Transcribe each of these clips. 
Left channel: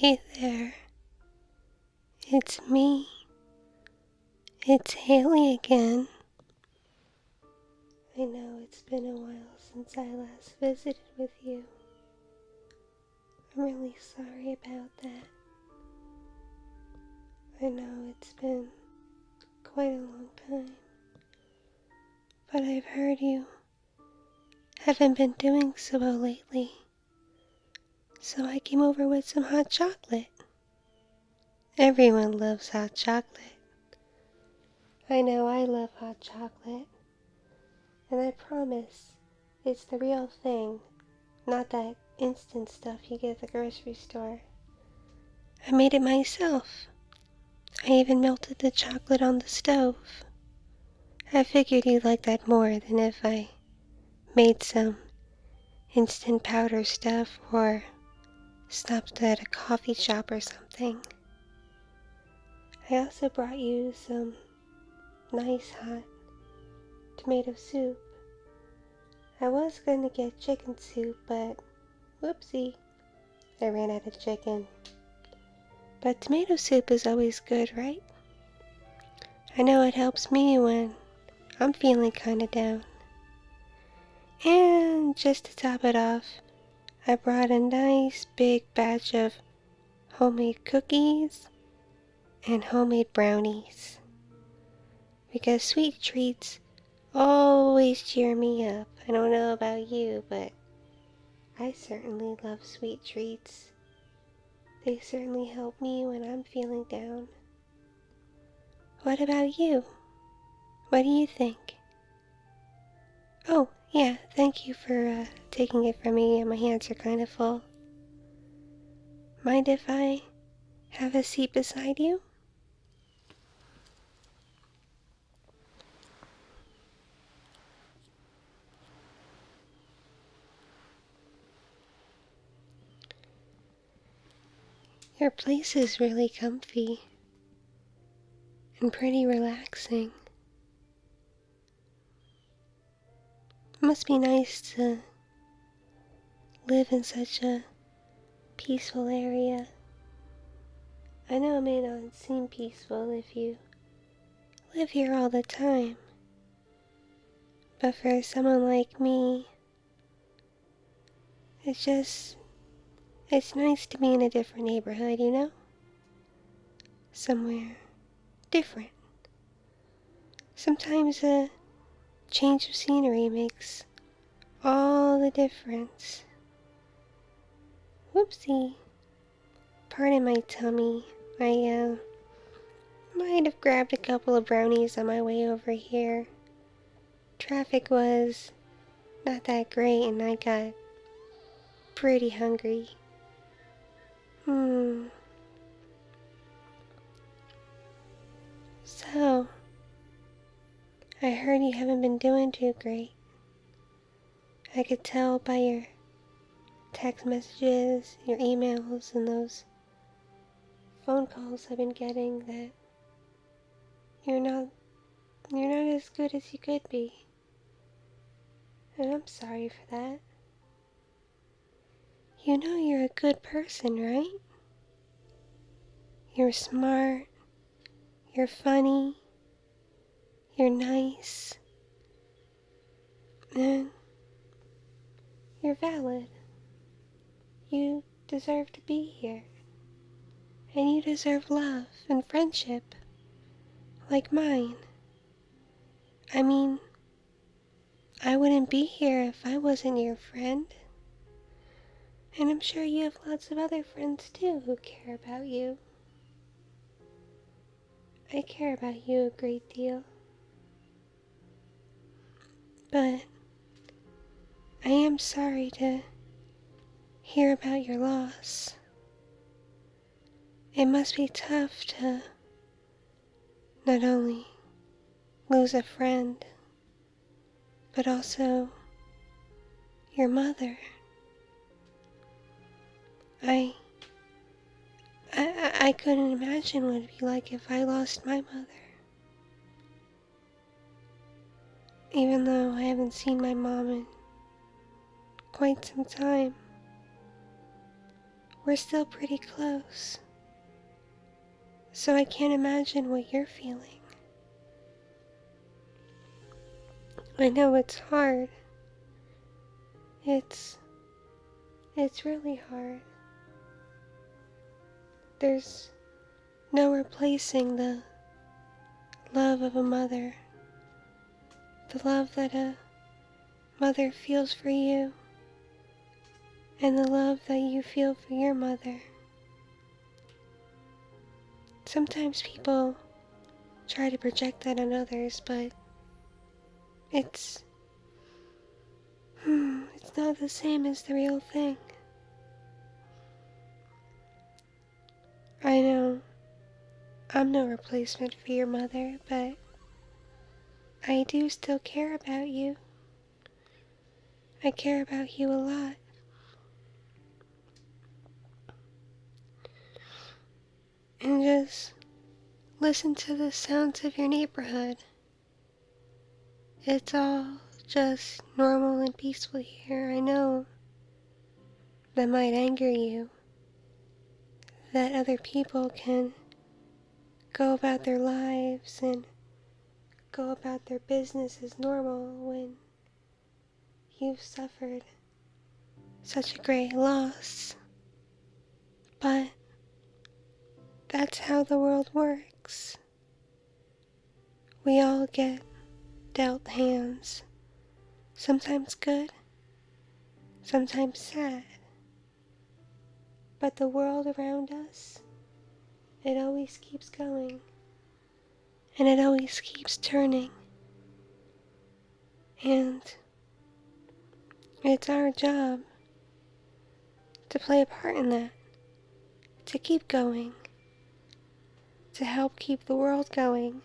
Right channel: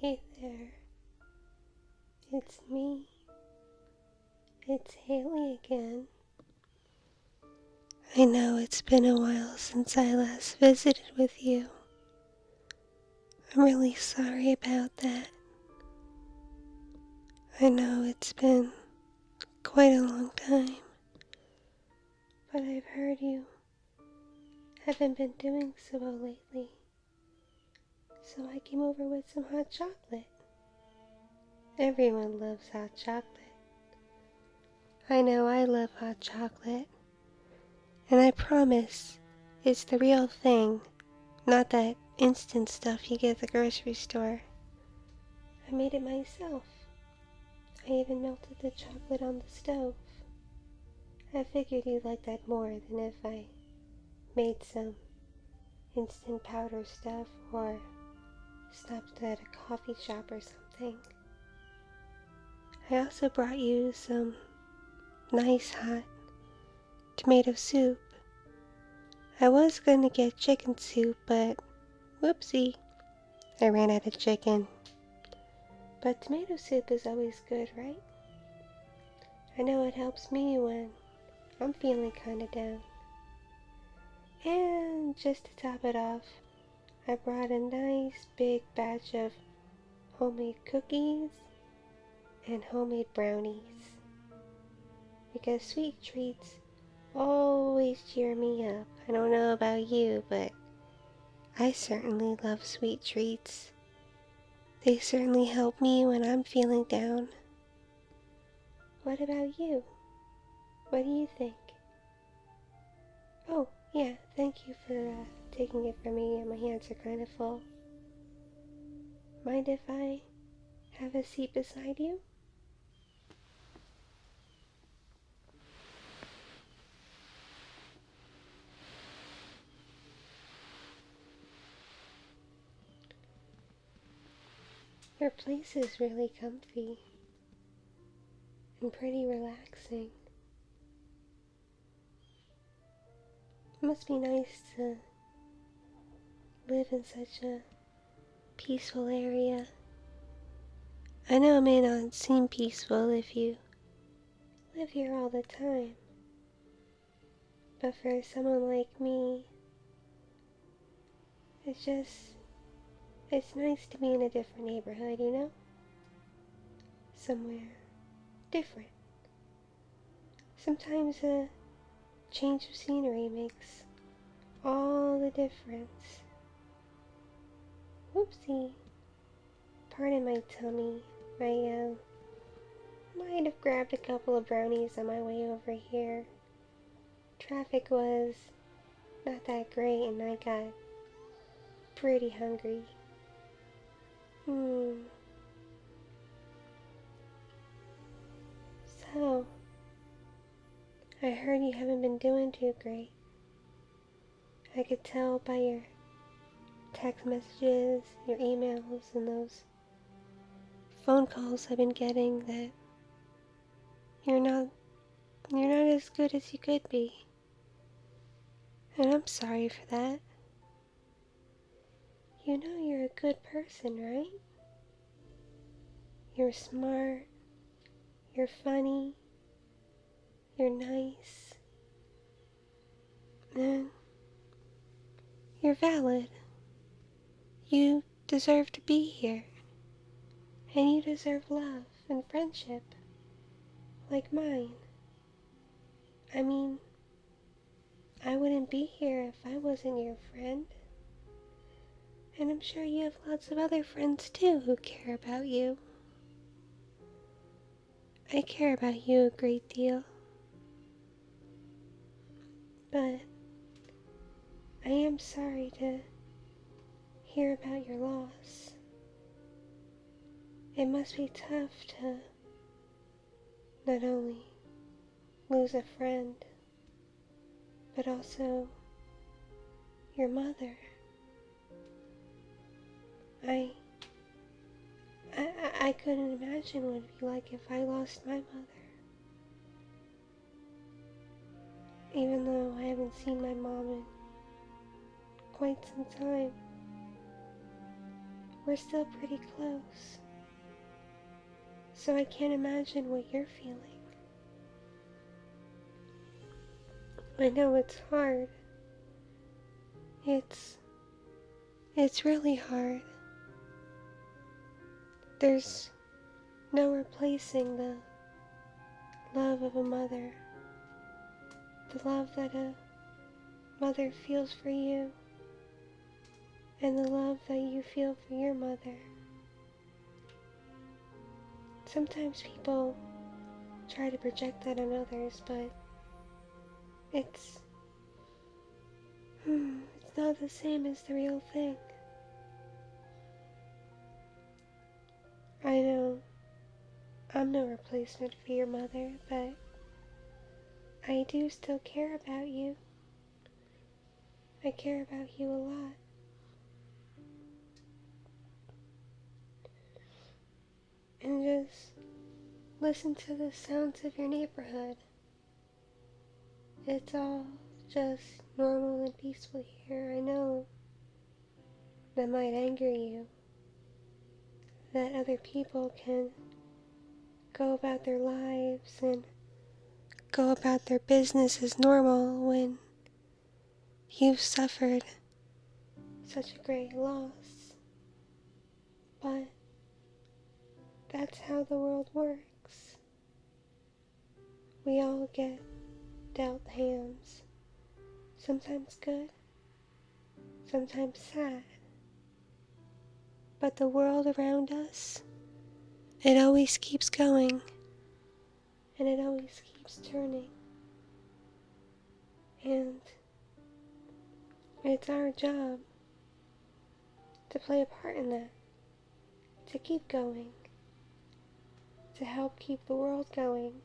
Hey there, it's me. It's Hailey again. I know it's been a while since I last visited with you. I'm really sorry about that. I know it's been quite a long time, but I've heard you haven't been doing so well lately. So I came over with some hot chocolate. Everyone loves hot chocolate. I know I love hot chocolate. And I promise it's the real thing, not that instant stuff you get at the grocery store. I made it myself. I even melted the chocolate on the stove. I figured you'd like that more than if I made some instant powder stuff or stopped at a coffee shop or something. I also brought you some nice hot tomato soup. I was gonna get chicken soup, but whoopsie, I ran out of chicken. But tomato soup is always good, right? I know it helps me when I'm feeling kinda down. And just to top it off, I brought a nice big batch of homemade cookies and homemade brownies. Because sweet treats always cheer me up. I don't know about you, but I certainly love sweet treats. They certainly help me when I'm feeling down. What about you? What do you think? Oh, yeah, thank you for taking it from me. My hands are kind of full. Mind if I have a seat beside you? Your place is really comfy and pretty relaxing. It must be nice to live in such a peaceful area. I know it may not seem peaceful if you live here all the time, but for someone like me, it's nice to be in a different neighborhood, you know? Somewhere different. Sometimes a change of scenery makes all the difference. Whoopsie. Pardon my tummy. I might have grabbed a couple of brownies on my way over here. Traffic was not that great and I got pretty hungry. So, I heard you haven't been doing too great. I could tell by your text messages, your emails, and those phone calls I've been getting that you're not as good as you could be. And I'm sorry for that. You know you're a good person, right? You're smart, you're funny, you're nice, and you're valid. You deserve to be here, and you deserve love and friendship, like mine. I mean, I wouldn't be here if I wasn't your friend. And I'm sure you have lots of other friends too who care about you. I care about you a great deal. But I am sorry to hear about your loss. It must be tough to not only lose a friend, but also your mother. I couldn't imagine what it'd be like if I lost my mother. Even though I haven't seen my mom in quite some time. we're still pretty close. So I can't imagine what you're feeling. I know it's hard. It's really hard. There's no replacing the love of a mother. The love that a mother feels for you, and the love that you feel for your mother. Sometimes people try to project that on others, but it's not the same as the real thing. I know I'm no replacement for your mother, but I do still care about you. I care about you a lot. And just listen to the sounds of your neighborhood. It's all just normal and peaceful here. I know that might anger you, that other people can go about their lives and go about their business as normal when you've suffered such a great loss. But that's how the world works. We all get dealt hands, sometimes good, sometimes sad. But the world around us, it always keeps going, and it always keeps turning. And it's our job to play a part in that, to keep going, to help keep the world going,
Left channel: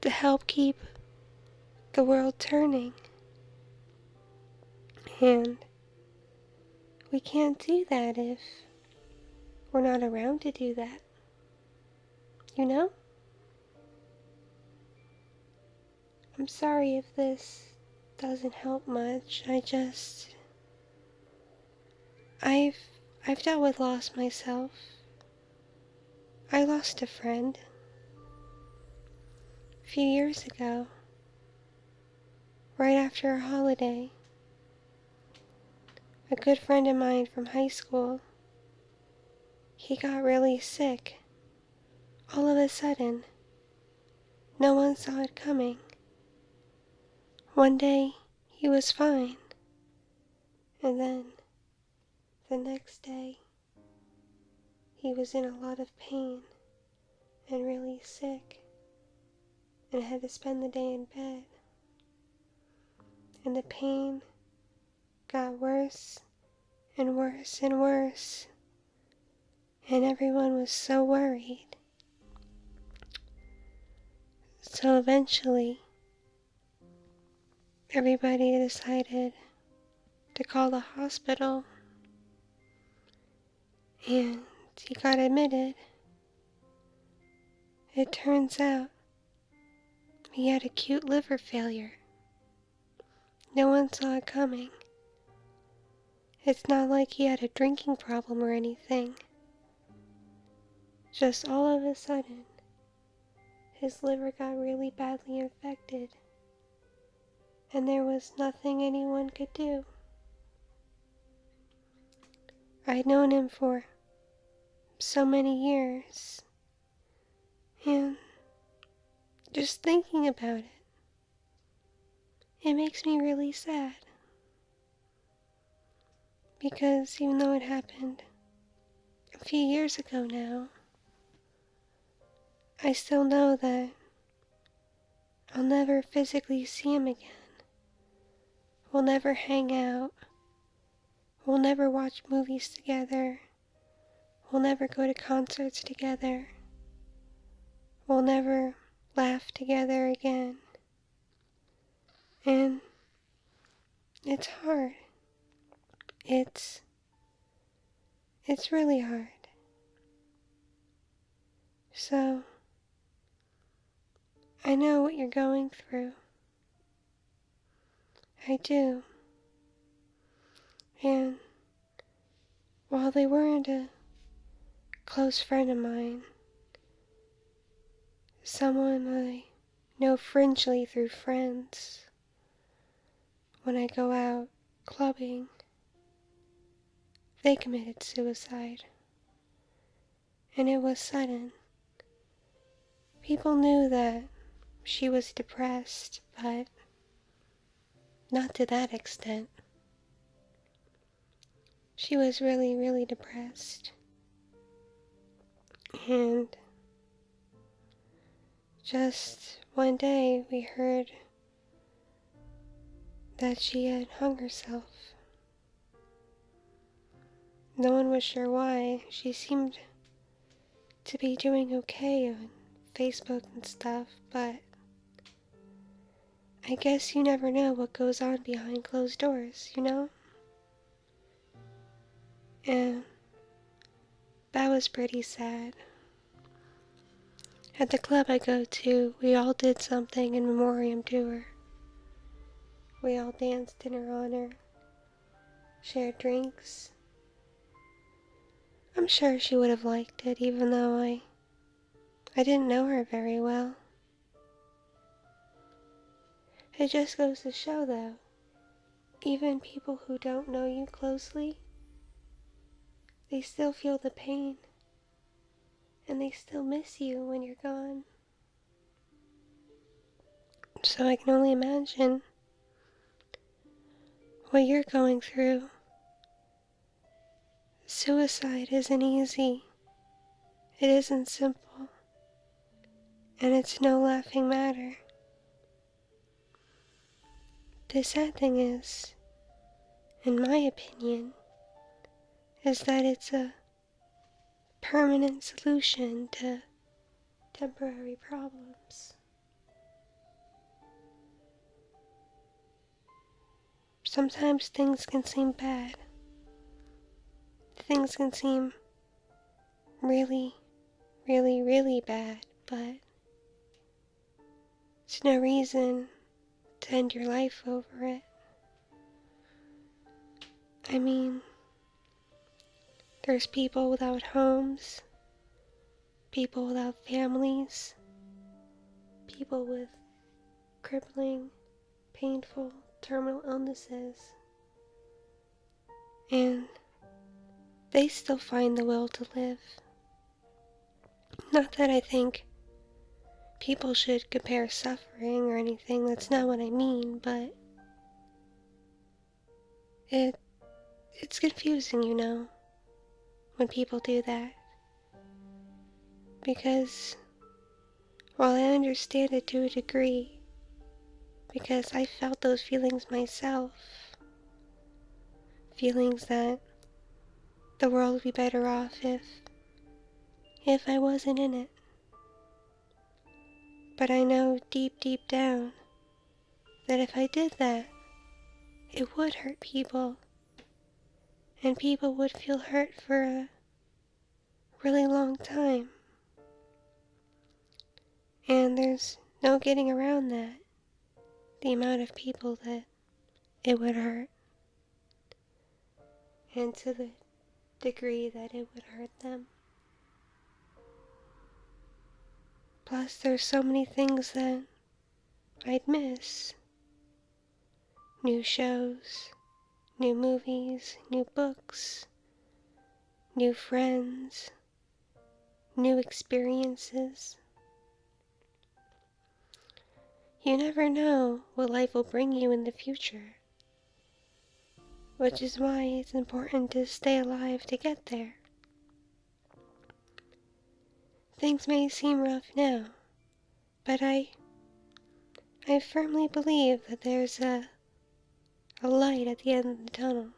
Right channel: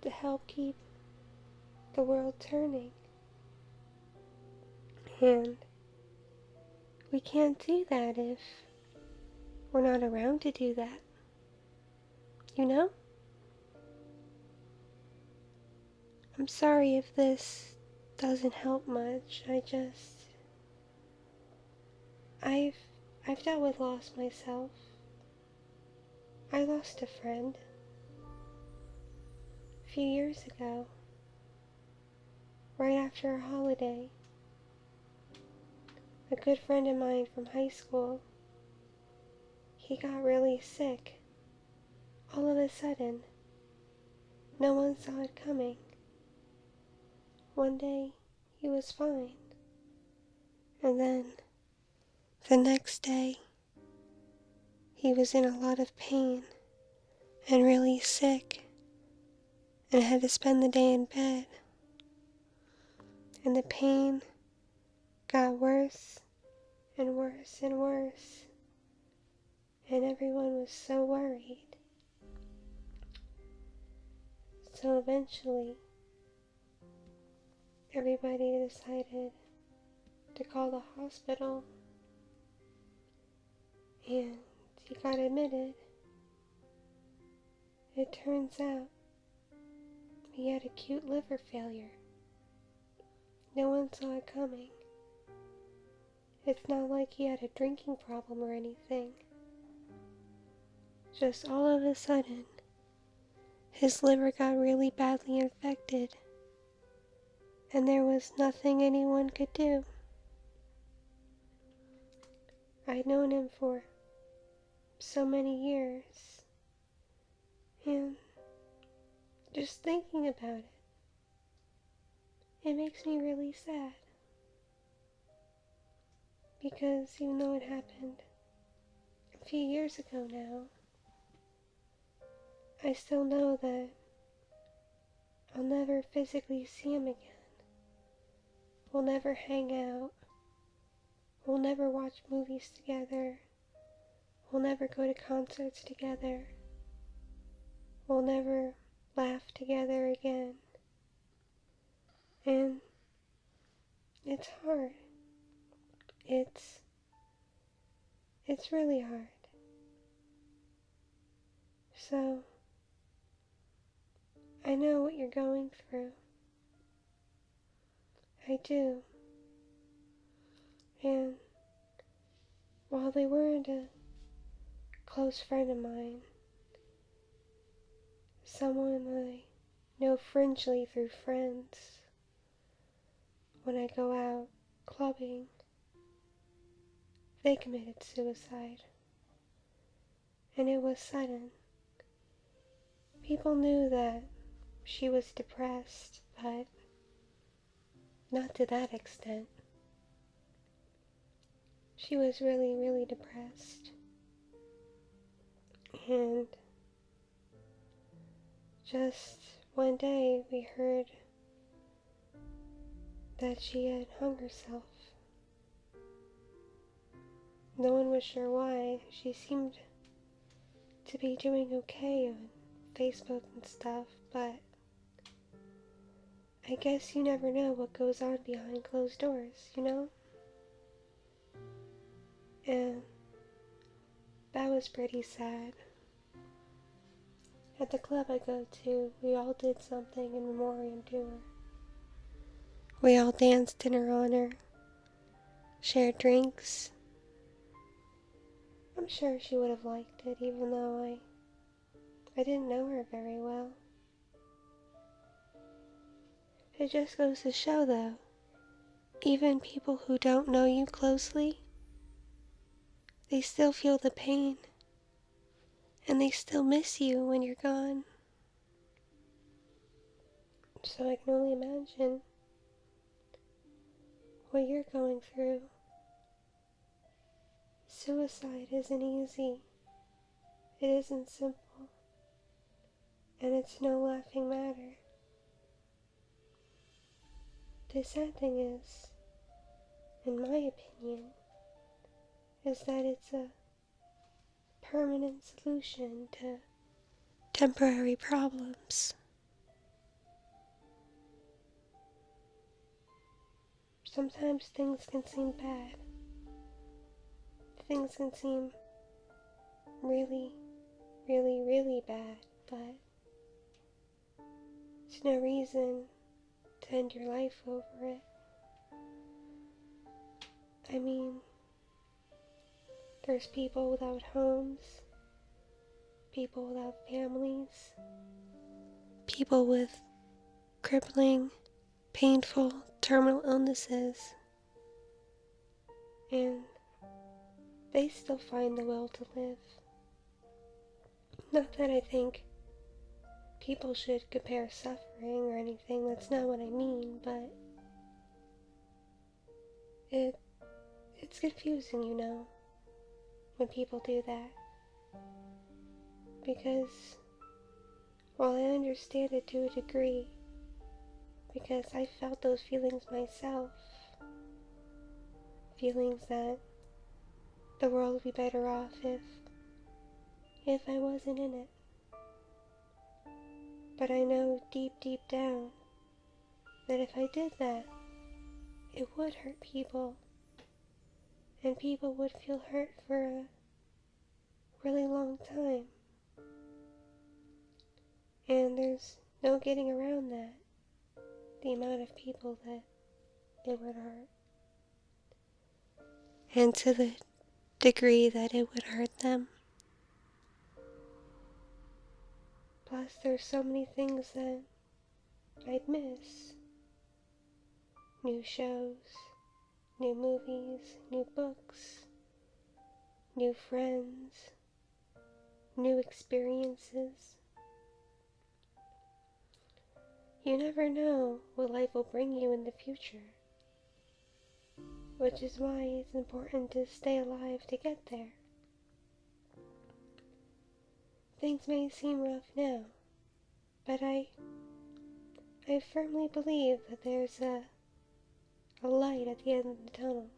to help keep the world turning. And we can't do that if we're not around to do that. You know? I'm sorry if this doesn't help much. I've dealt with loss myself. I lost a friend a few years ago, right after a holiday. A good friend of mine from high school, he got really sick. All of a sudden, no one saw it coming. One day, he was fine, and then the next day, he was in a lot of pain and really sick and had to spend the day in bed. And the pain got worse and worse and worse, and everyone was so worried. So eventually, everybody decided to call the hospital, and he got admitted. It turns out he had acute liver failure. No one saw it coming. It's not like he had a drinking problem or anything. Just all of a sudden, his liver got really badly infected, and there was nothing anyone could do. I'd known him for so many years, and just thinking about it, it makes me really sad. Because even though it happened a few years ago now, I still know that I'll never physically see him again. We'll never hang out. We'll never watch movies together. We'll never go to concerts together. We'll never laugh together again. And it's hard. It's really hard. So, I know what you're going through. I do. And while they weren't a close friend of mine, someone I know fringely through friends, when I go out clubbing, they committed suicide. And it was sudden. People knew that she was depressed, but not to that extent. She was really, really depressed. And just one day we heard that she had hung herself. No one was sure why. She seemed to be doing okay on Facebook and stuff, but I guess you never know what goes on behind closed doors, you know? And that was pretty sad. At the club I go to, we all did something in memoriam to her. We all danced in her honor, shared drinks. I'm sure she would have liked it, even though I didn't know her very well. It just goes to show, though, even people who don't know you closely, they still feel the pain, and they still miss you when you're gone. So I can only imagine what you're going through. Suicide isn't easy. It isn't simple. And it's no laughing matter. The sad thing is, in my opinion, is that it's a permanent solution to temporary problems. Sometimes things can seem bad. Things can seem really, really, really bad, but it's no reason to end your life over it. I mean, there's people without homes, people without families, people with crippling, painful, terminal illnesses, and they still find the will to live. Not that I think people should compare suffering or anything, that's not what I mean, but it's confusing, you know, when people do that. Because while I understand it to a degree, because I felt those feelings myself, feelings that the world would be better off if I wasn't in it. But I know deep, deep down that if I did that, it would hurt people. And people would feel hurt for a really long time. And there's no getting around that. The amount of people that it would hurt. And to the degree that it would hurt them. Plus, there's so many things that I'd miss. New shows, new movies, new books, new friends, new experiences. You never know what life will bring you in the future, which is why it's important to stay alive to get there. Things may seem rough now, but I firmly believe that there's a light at the end of the tunnel,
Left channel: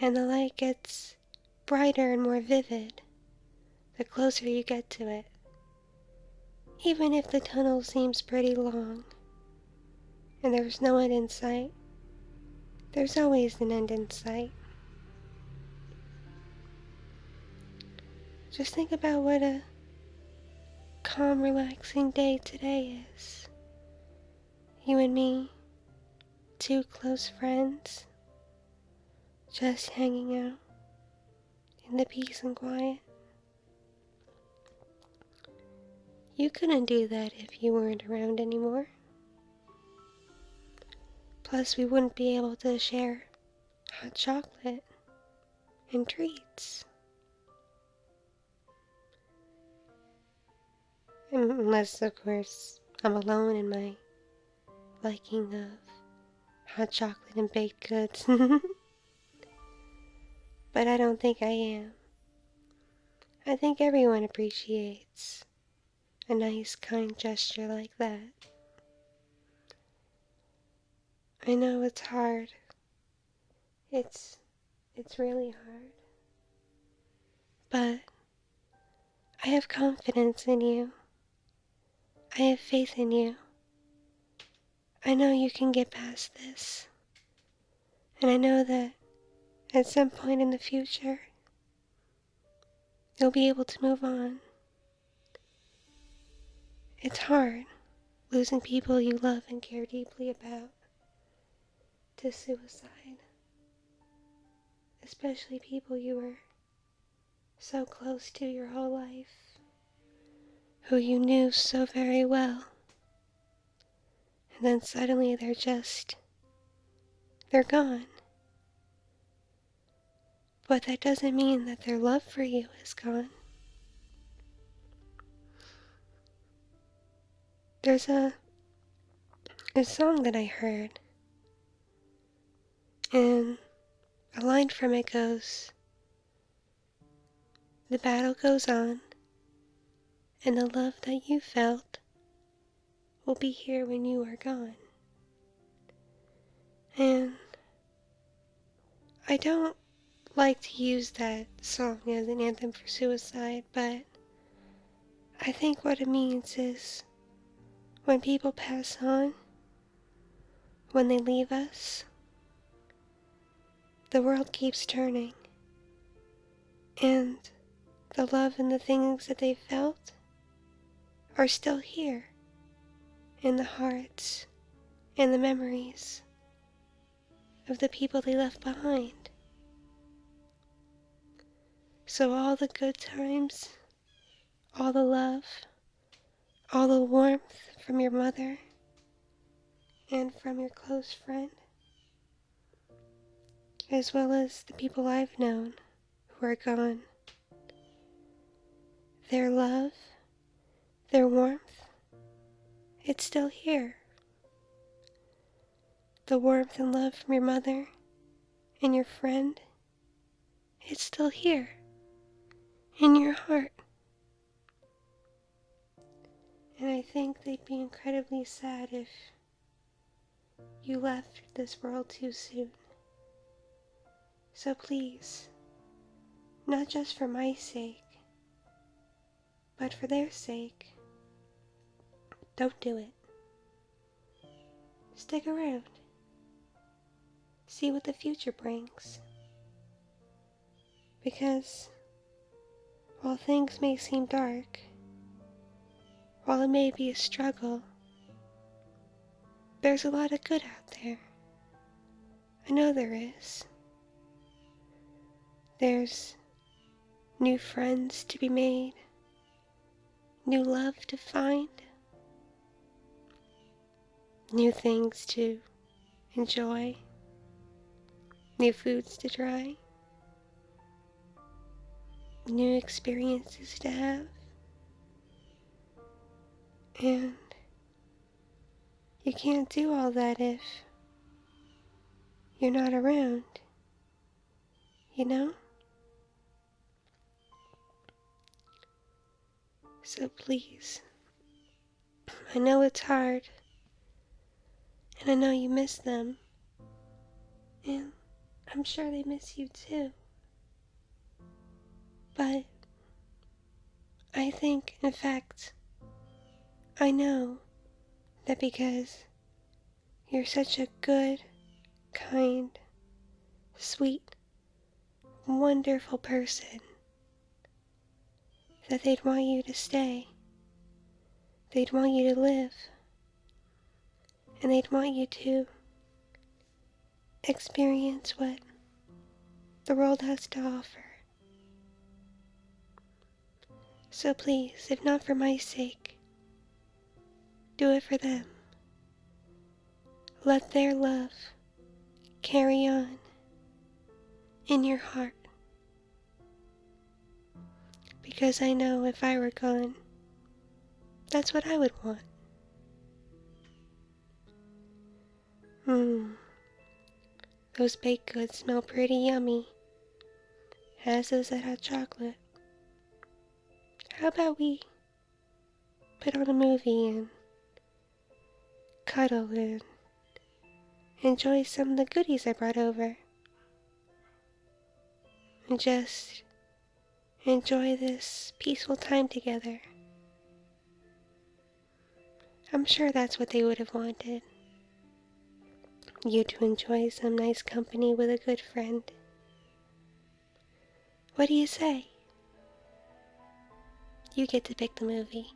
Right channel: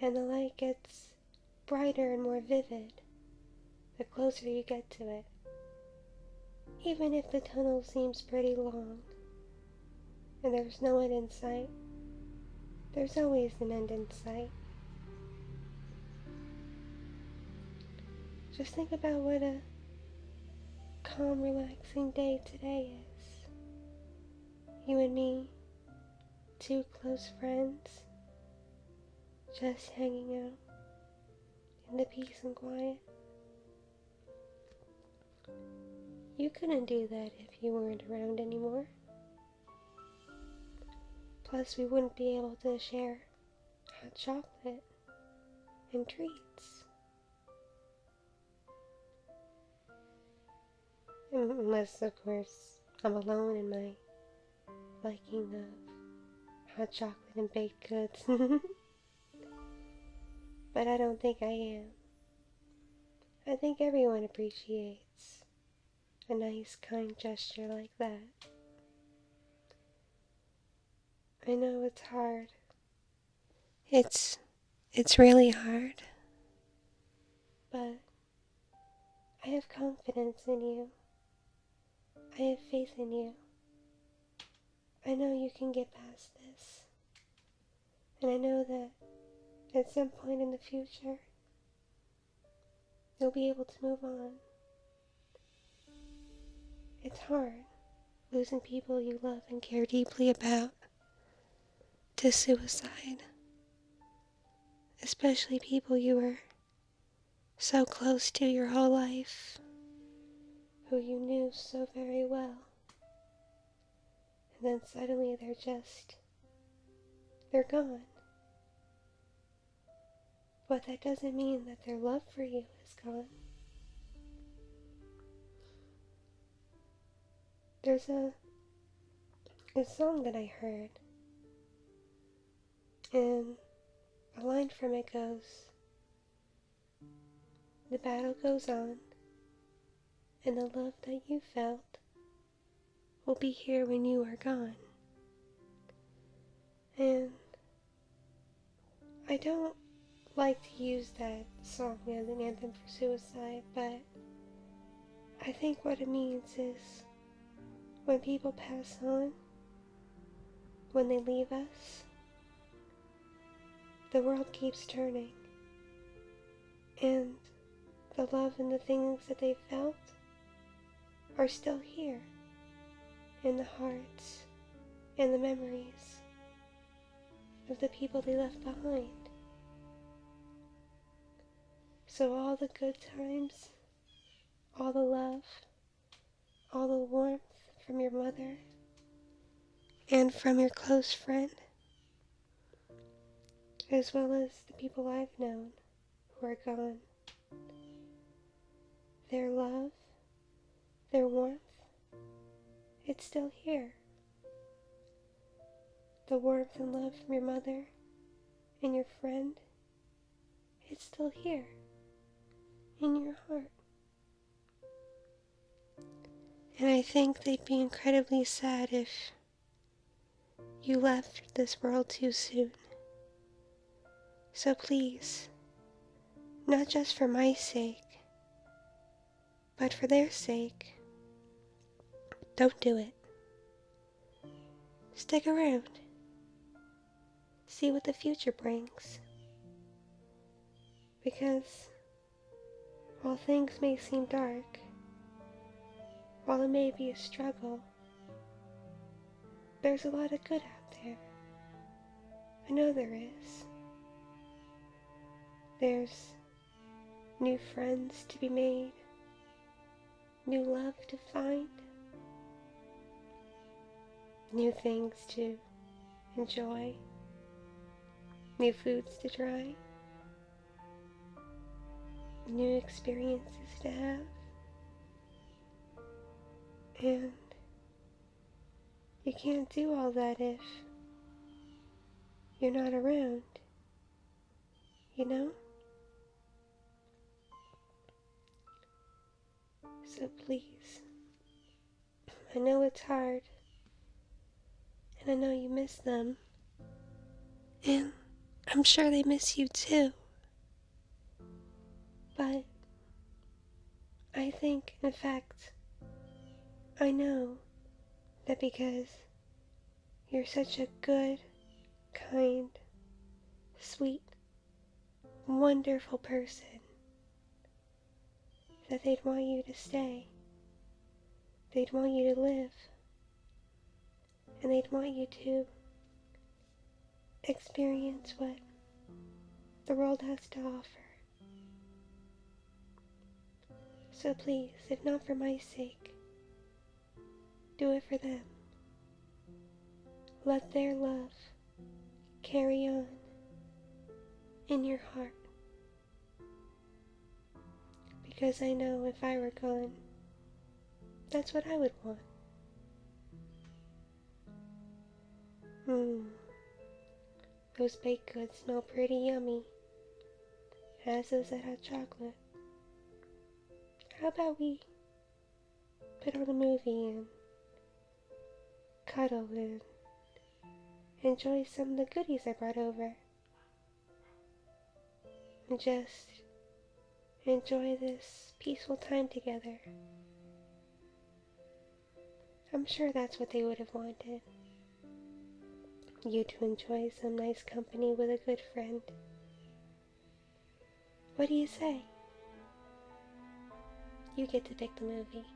and the light gets brighter and more vivid the closer you get to it. Even if the tunnel seems pretty long, and there's no end in sight, there's always an end in sight. Just think about what a calm, relaxing day today is. You and me, two close friends, just hanging out, in the peace and quiet. You couldn't do that if you weren't around anymore. Plus, we wouldn't be able to share hot chocolate and treats. Unless, of course, I'm alone in my liking of hot chocolate and baked goods. But I don't think I am. I think everyone appreciates a nice, kind gesture like that. I know it's hard. It's really hard. But I have confidence in you. I have faith in you. I know you can get past this. And I know that at some point in the future, you'll be able to move on. It's hard losing people you love and care deeply about to suicide. Especially people you were so close to your whole life, who you knew so very well. And then suddenly they're gone. But that doesn't mean that their love for you is gone. There's a song that I heard, and a line from it goes, "The battle goes on, and the love that you felt will be here when you are gone." And I don't like to use that song as an anthem for suicide, but I think what it means is when people pass on, when they leave us, the world keeps turning, and the love and the things that they felt are still here in the hearts and the memories of the people they left behind. So all the good times, all the love, all the warmth from your mother and from your close friend, as well as the people I've known who are gone, their love, their warmth, it's still here. The warmth and love from your mother and your friend, it's still here in your heart. And I think they'd be incredibly sad if you left this world too soon. So please, not just for my sake, but for their sake, don't do it. Stick around. See what the future brings. Because while things may seem dark, while it may be a struggle, there's a lot of good out there. I know there is. There's new friends to be made, new love to find, new things to enjoy, new foods to try, new experiences to have. And you can't do all that if you're not around, you know? So please, I know it's hard, and I know you miss them, and I'm sure they miss you too. But I think, in fact, I know that because you're such a good, kind, sweet, wonderful person, that they'd want you to stay. They'd want you to live. And they'd want you to experience what the world has to offer. So please, if not for my sake, do it for them. Let their love carry on in your heart. Because I know if I were gone, that's what I would want. Those baked goods smell pretty yummy, as does that hot chocolate. How about we put on a movie and cuddle and enjoy some of the goodies I brought over? And just enjoy this peaceful time together. I'm sure that's what they would have wanted. You to enjoy some nice company with a good friend. What do you say? You get to pick the movie.